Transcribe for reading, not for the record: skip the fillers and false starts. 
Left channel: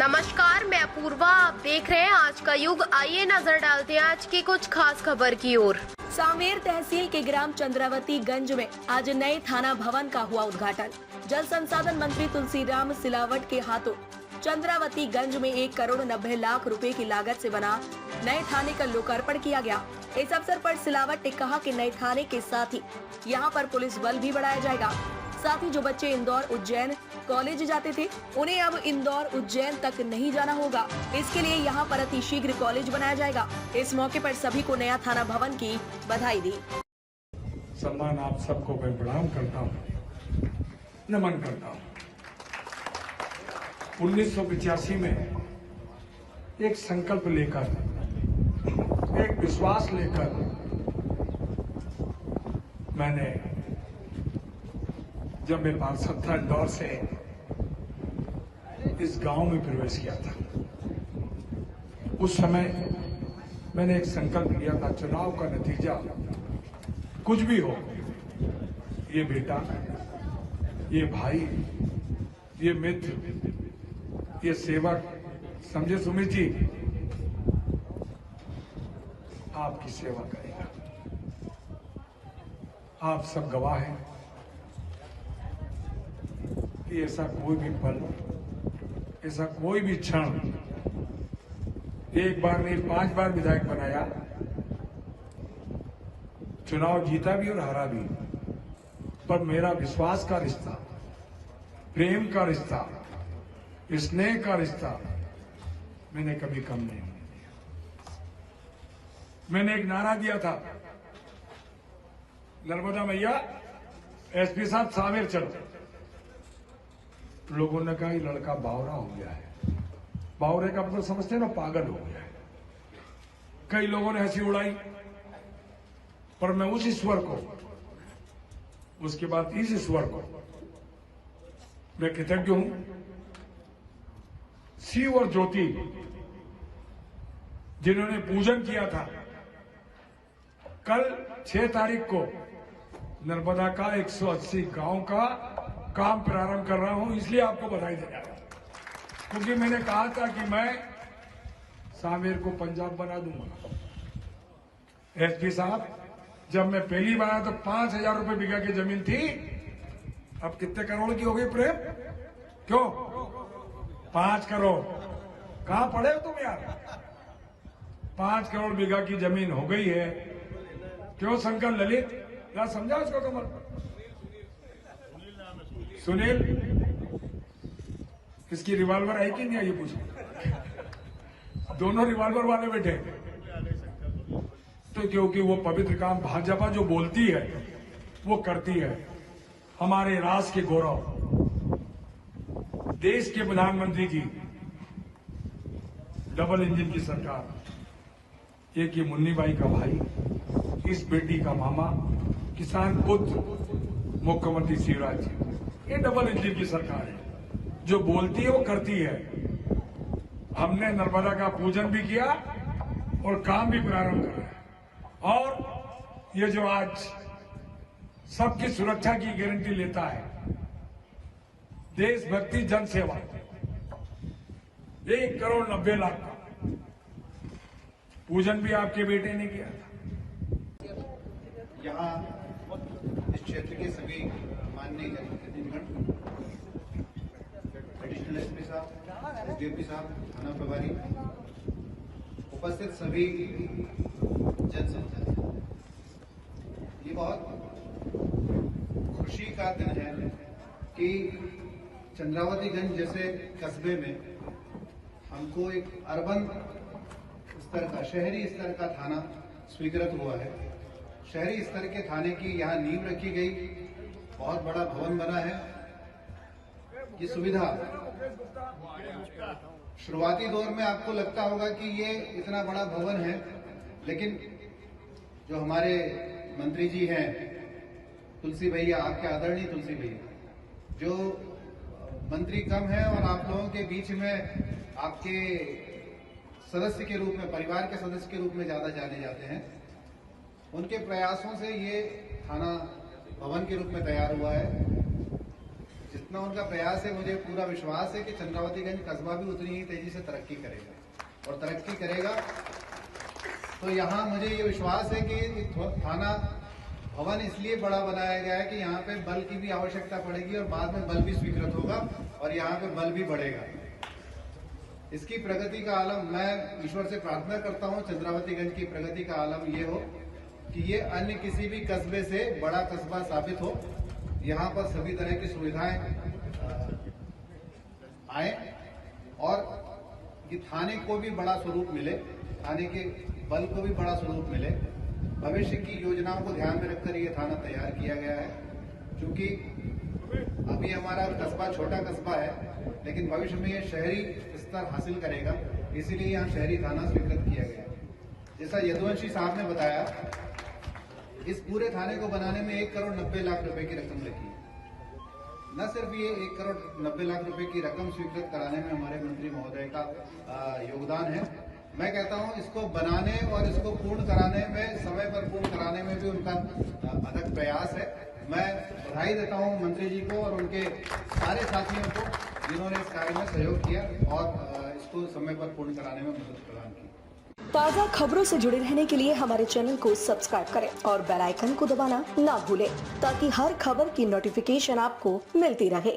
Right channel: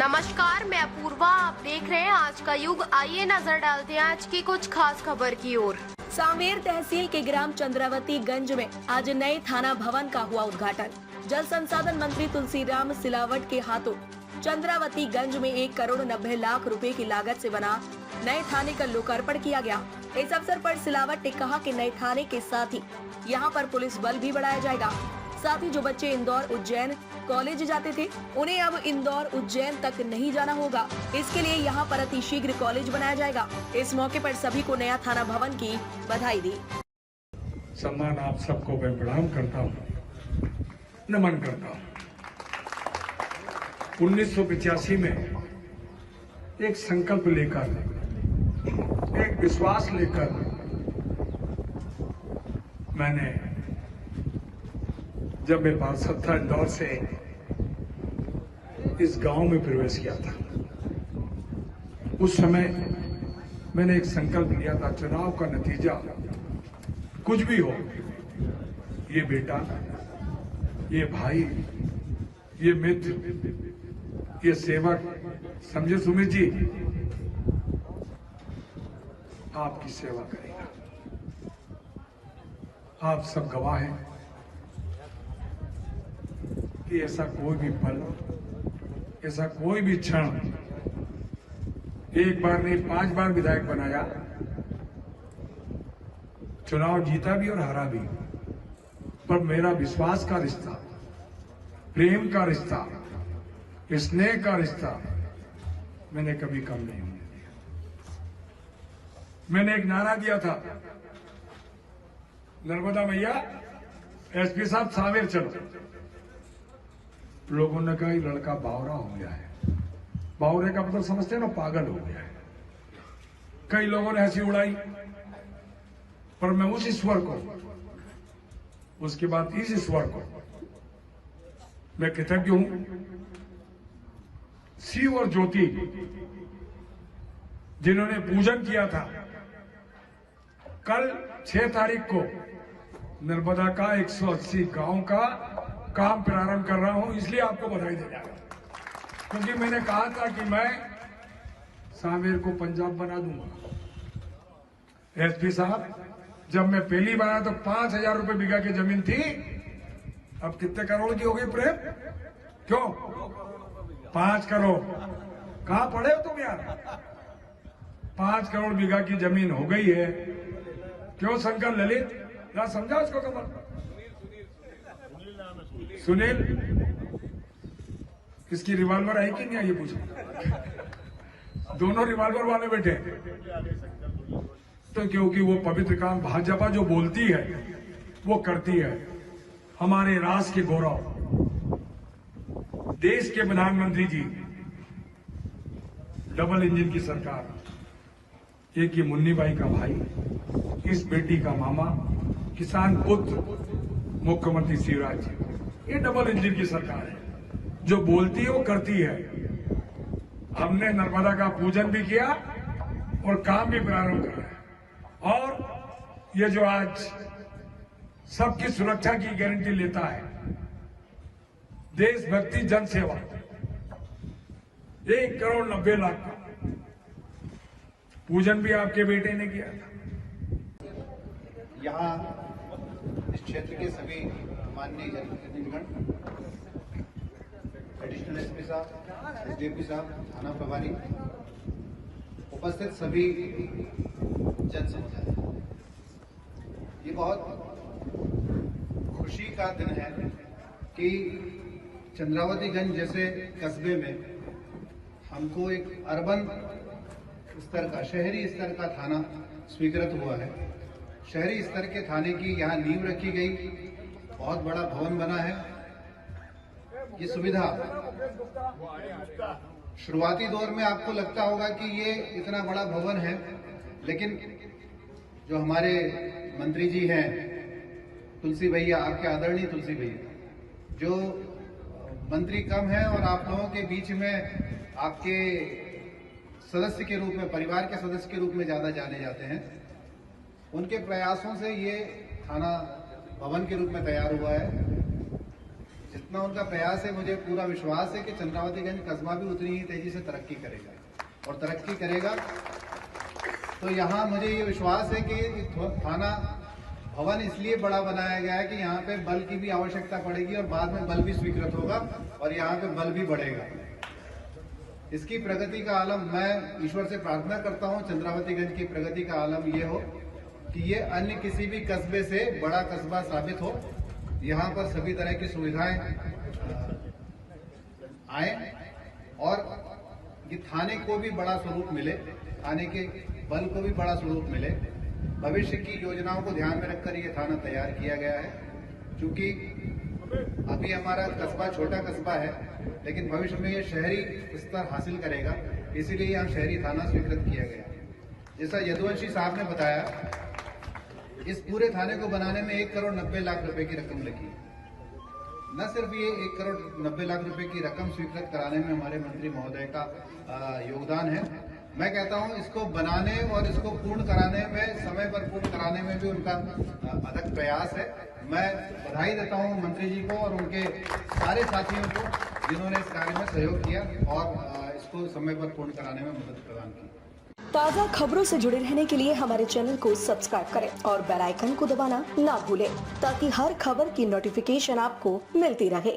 नमस्कार, मैं अपूर्वा। आप देख रहे हैं आज का युग। आइए नजर डालते हैं आज की कुछ खास खबर की ओर। सांवेर तहसील के ग्राम चंद्रावती गंज में आज नए थाना भवन का हुआ उद्घाटन। जल संसाधन मंत्री तुलसीराम सिलावट के हाथों चंद्रावती गंज में 1,90,00,000 रुपए की लागत से बना नए थाने का लोकार्पण किया गया। इस अवसर पर सिलावट ने कहा कि नए थाने के साथ ही यहाँ पर पुलिस बल भी बढ़ाया जाएगा। साथ ही जो बच्चे इंदौर उज्जैन कॉलेज जाते थे उन्हें अब इंदौर उज्जैन तक नहीं जाना होगा। इसके लिए यहाँ पर अतिशीघ्र कॉलेज बनाया जाएगा। इस मौके पर सभी को नया थाना भवन की बधाई दी। सम्मान आप सबको मैं प्रणाम करता हूँ, नमन करता हूँ। 1985 में एक संकल्प लेकर, एक विश्वास लेकर मैंने, जब मैं पार्षद था, इंदौर से इस गांव में प्रवेश किया था। उस समय मैंने एक संकल्प लिया था, चुनाव का नतीजा कुछ भी हो, ये बेटा, ये भाई, ये मित्र, ये सेवक, समझे सुमित जी, आपकी सेवा करेगा। आप सब गवाह हैं कि ऐसा कोई भी पल, ऐसा कोई भी क्षण, एक बार नहीं 5 बार विधायक बनाया, चुनाव जीता भी और हारा भी, पर मेरा विश्वास का रिश्ता, प्रेम का रिश्ता, स्नेह का रिश्ता मैंने कभी कम नहीं होने दिया। मैंने एक नारा दिया था, नर्मदा मैया, एसपी साहब सांवेर चलो। लोगों ने कहा ये लड़का बावरा हो गया है। बावरे का मतलब समझते हैं ना, पागल हो गया है। कई लोगों ने हंसी उड़ाई, पर मैं उस ईश्वर को, उसके बाद इस ईश्वर को मैं कृतज्ञ हूं। शिव और ज्योति जिन्होंने पूजन किया था, कल 6 तारीख को नर्मदा का 180 गांव का काम प्रारंभ कर रहा हूं, इसलिए आपको बधाई देना, क्योंकि मैंने कहा था कि मैं सांवेर को पंजाब बना दूंगा। एसपी साहब, जब मैं पहली बार आया तो 5,000 रुपए बीघा की जमीन थी, अब कितने करोड़ की हो गई प्रेम? क्यों 5 करोड़? कहां पड़े हो तुम यार? 5 करोड़ बीघा की जमीन हो गई है। क्यों शंकर ललित, ना समझा उसको कमर? सुनील, इसकी रिवॉल्वर आई कि नहीं आई, ये पूछो। दोनों रिवॉल्वर वाले बैठे, तो क्योंकि वो पवित्र काम भाजपा जो बोलती है वो करती है। हमारे राष्ट्र के गौरव, देश के प्रधानमंत्री की डबल इंजन की सरकार, एक ये मुन्नी बाई का भाई, इस बेटी का मामा, किसान पुत्र मुख्यमंत्री शिवराज जी, ये डबल इंजन की सरकार है। जो बोलती है वो करती है। हमने नर्मदा का पूजन भी किया और काम भी प्रारंभ करा है। और ये जो आज सबकी सुरक्षा की गारंटी लेता है, देशभक्ति जन सेवा, 1,90,00,000 का पूजन भी आपके बेटे ने किया था। यहाँ इस क्षेत्र के सभी माननीय जनप्रतिनिधिगण, एडिशनल एसपी साहब, एसडीएपी साहब, थाना प्रभारी, उपस्थित सभी जन समुदाय, ये बहुत खुशी का दिन है कि चंद्रावतीगंज जैसे कस्बे में हमको एक अर्बन स्तर का, शहरी स्तर का थाना स्वीकृत हुआ है। शहरी स्तर के थाने की यहाँ नींव रखी गई, बहुत बड़ा भवन बना है। ये सुविधा शुरुआती दौर में आपको लगता होगा कि ये इतना बड़ा भवन है, लेकिन जो हमारे मंत्री जी हैं, तुलसी भैया, आपके आदरणीय तुलसी भैया, जो मंत्री कम है और आप लोगों के बीच में आपके सदस्य के रूप में, परिवार के सदस्य के रूप में ज्यादा जाने जाते हैं, उनके प्रयासों से ये थाना भवन के रूप में तैयार हुआ है। जितना उनका प्रयास है, मुझे पूरा विश्वास है कि चंद्रावतीगंज कस्बा भी उतनी ही तेजी से तरक्की करेगा और तरक्की करेगा। तो यहाँ मुझे ये विश्वास है कि थाना भवन इसलिए बड़ा बनाया गया है कि यहाँ पे बल की भी आवश्यकता पड़ेगी और बाद में बल भी स्वीकृत होगा और यहाँ पे बल भी बढ़ेगा। इसकी प्रगति का आलम, मैं ईश्वर से प्रार्थना करता हूँ चंद्रावतीगंज की प्रगति का आलम ये हो कि ये अन्य किसी भी कस्बे से बड़ा कस्बा साबित हो। यहाँ पर सभी तरह की सुविधाएं आए और ये थाने को भी बड़ा स्वरूप मिले, थाने के बल को भी बड़ा स्वरूप मिले। भविष्य की योजनाओं को ध्यान में रखकर ये थाना तैयार किया गया है। क्योंकि अभी हमारा कस्बा छोटा कस्बा है, लेकिन भविष्य में ये शहरी स्तर हासिल करेगा, इसीलिए यहाँ शहरी थाना स्वीकृत किया गया है। जैसा यदुवंशी साहब ने बताया, इस पूरे थाने को बनाने में 1,90,00,000 रुपए की रकम लगी। न सिर्फ ये 1,90,00,000 रुपए की रकम स्वीकृत कराने में हमारे मंत्री महोदय का योगदान है, मैं कहता हूं इसको बनाने और इसको पूर्ण कराने में, समय पर पूर्ण कराने में भी उनका अथक प्रयास है। मैं बधाई देता हूं मंत्री जी को और उनके सारे साथियों को जिन्होंने इस कार्य में सहयोग किया और इसको समय पर पूर्ण कराने में मदद प्रदान की। ताज़ा खबरों से जुड़े रहने के लिए हमारे चैनल को सब्सक्राइब करें और बेल आइकन को दबाना ना भूलें ताकि हर खबर की नोटिफिकेशन आपको मिलती रहे।